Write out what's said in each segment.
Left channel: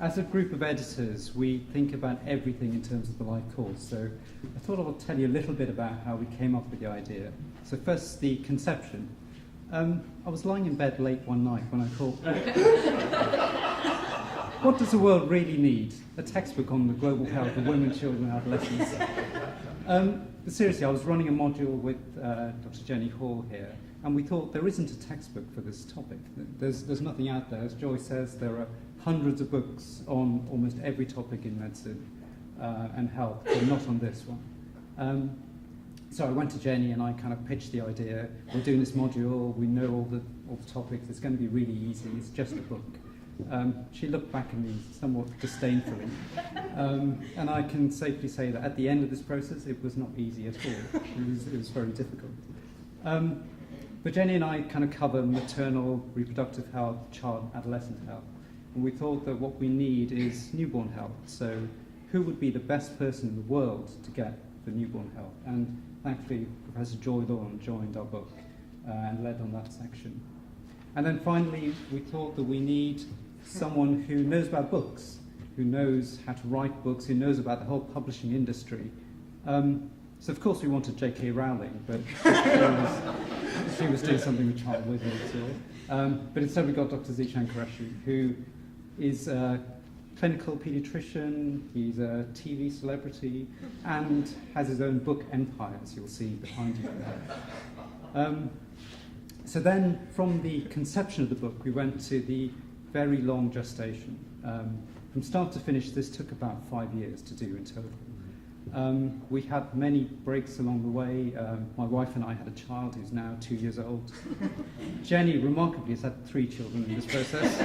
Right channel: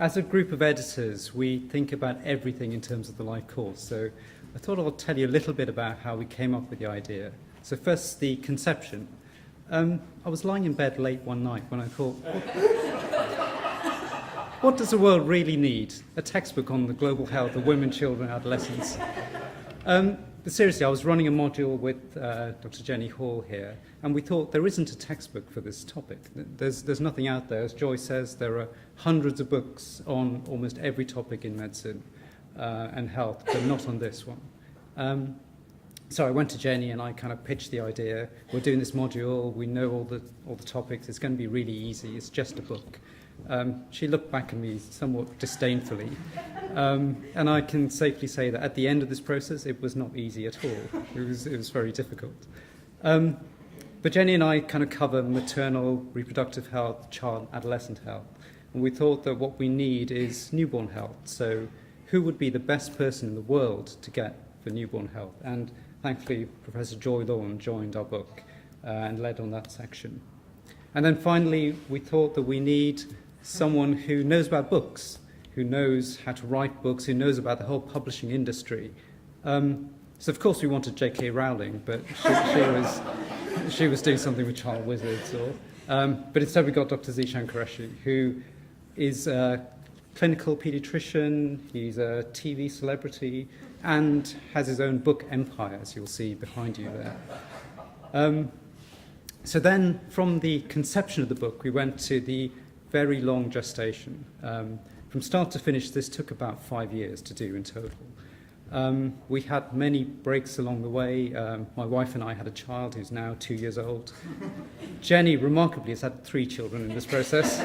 As a group of editors, we think about everything in terms of the live course. So I thought I'll tell you a little bit about how we came up with the idea. So first, the conception. I was lying in bed late one night when I thought, what does the world really need? A textbook on the global health of women, children, and adolescents. But seriously, I was running a module with Dr. Jenny Hall here, and we thought there isn't a textbook for this topic. There's nothing out there. As Joy says, there are hundreds of books on almost every topic in medicine and health, but not on this one. So I went to Jenny and I kind of pitched the idea. We're doing this module. We know all the topics. It's going to be really easy. It's just a book. She looked back at me somewhat disdainfully, and I can safely say that at the end of this process, it was not easy at all. It was very difficult. But Jenny and I kind of cover maternal, reproductive health, child, adolescent health, and we thought that what we need is newborn health. So who would be the best person in the world to get for newborn health? And thankfully, Professor Joy Lawn joined our book and led on that section. And then finally, we thought that we need someone who knows about books, who knows how to write books, who knows about the whole publishing industry. So of course we wanted J.K. Rowling, but she was doing something with child wizards. But instead we got Dr. Zishan Qureshi, who is a clinical paediatrician, he's a TV celebrity, and has his own book empire, as you'll see behind you there. So then, from the conception of the book, we went to the very long gestation. From start to finish, this took about 5 years to do in total. We had many breaks along the way. My wife and I had a child who's now 2 years old. Jenny, remarkably, has had 3 children in this process.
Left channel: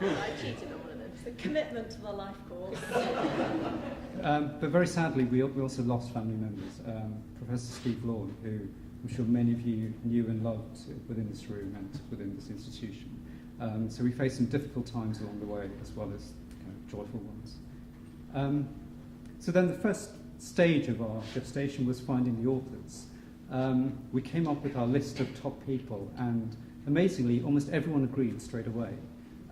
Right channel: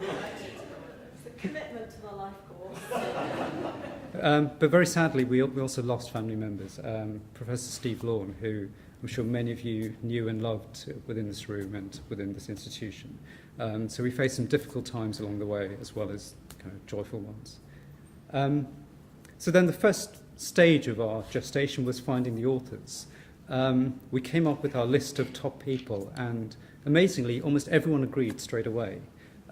It's a commitment to the life course. But very sadly, we also lost family members. Professor Steve Lawn, who I'm sure many of you knew and loved within this room and within this institution. So we faced some difficult times along the way, as well as kind of joyful ones. So then the first stage of our gestation was finding the authors. We came up with our list of top people, and amazingly, almost everyone agreed straight away.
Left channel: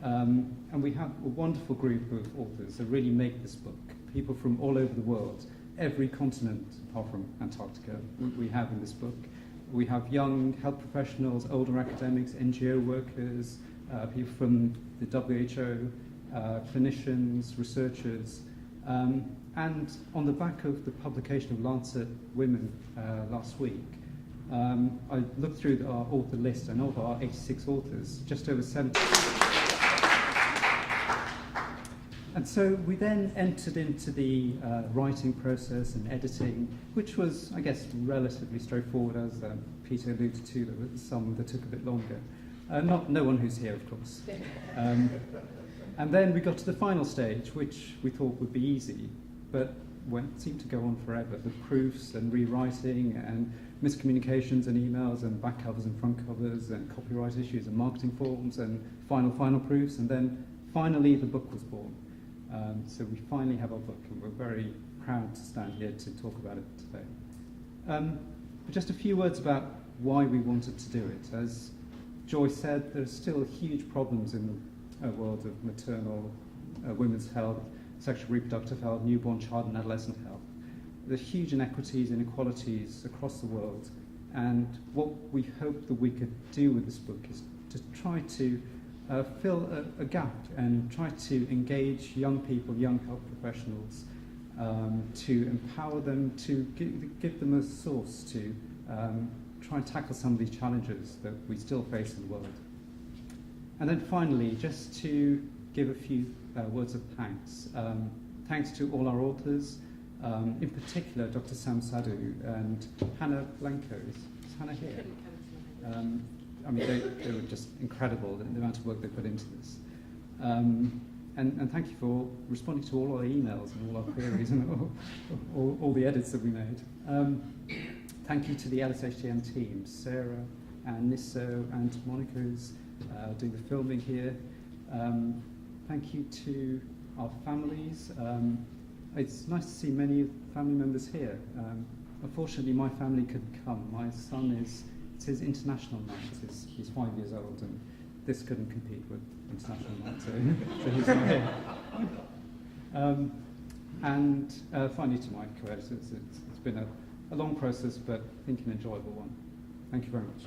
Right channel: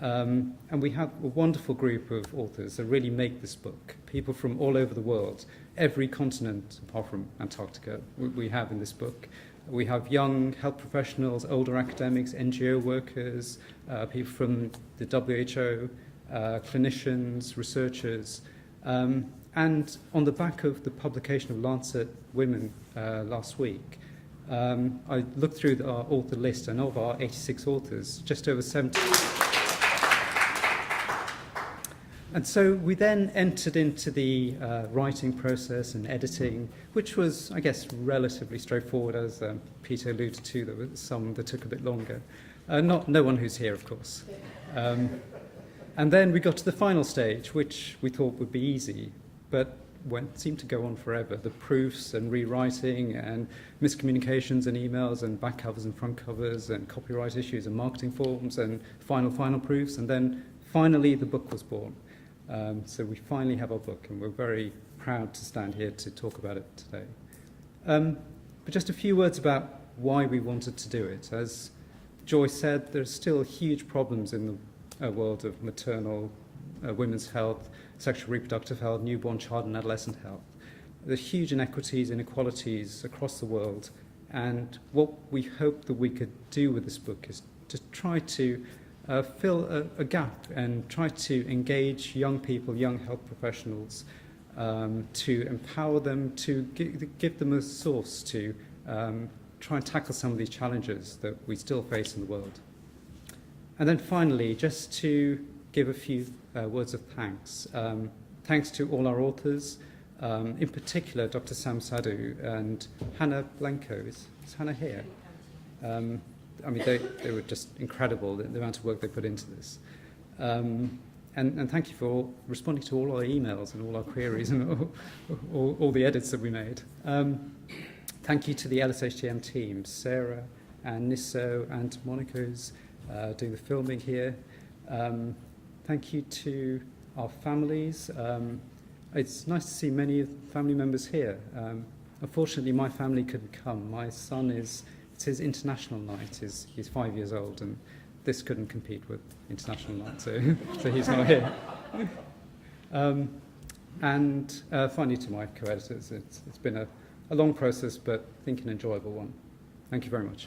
And we have a wonderful group of authors that really make this book. People from all over the world, every continent apart from Antarctica we have in this book. We have young health professionals, older academics, NGO workers, people from the WHO, clinicians, researchers. And on the back of the publication of Lancet Women last week, I looked through our author list, and of our 86 authors, just over 70. And so we then entered into the writing process and editing, which was, I guess, relatively straightforward, as Peter alluded to. There were some that took a bit longer. No one who's here, of course. And then we got to the final stage, which we thought would be easy, but seemed to go on forever. The proofs and rewriting and miscommunications and emails and back covers and front covers and copyright issues and marketing forms and final proofs, and then finally the book was born. So we finally have our book, and we're very proud to stand here to talk about it today. But just a few words about why we wanted to do it. As Joy said, there's still huge problems in the world of maternal, women's health, sexual reproductive health, newborn, child and adolescent health. There's huge inequities, inequalities across the world, and what we hope that we could do with this book is to try to fill a gap and try to engage young people, young health professionals, to empower them, to give them a source to try and tackle some of these challenges that we still face in the world. And then finally, just to give a few words of thanks. Thanks to all our authors, in particular Dr. Sam Sadhu and Hannah Blanco. Is Hannah here? I mean, they were just incredible, the amount of work they put into this. And thank you for responding to all our emails and all our queries and all the edits that we made. Thank you to the LSHTM team, Sarah and Nisso and Monica, who's doing the filming here. Thank you to our families. It's nice to see many of the family members here. Unfortunately, my family couldn't come. My son it's his international night. He's 5 years old, and this couldn't compete with international night, so, so he's not here. And finally to my co-editors, it's been a long process, but I think an enjoyable one. Thank you very much.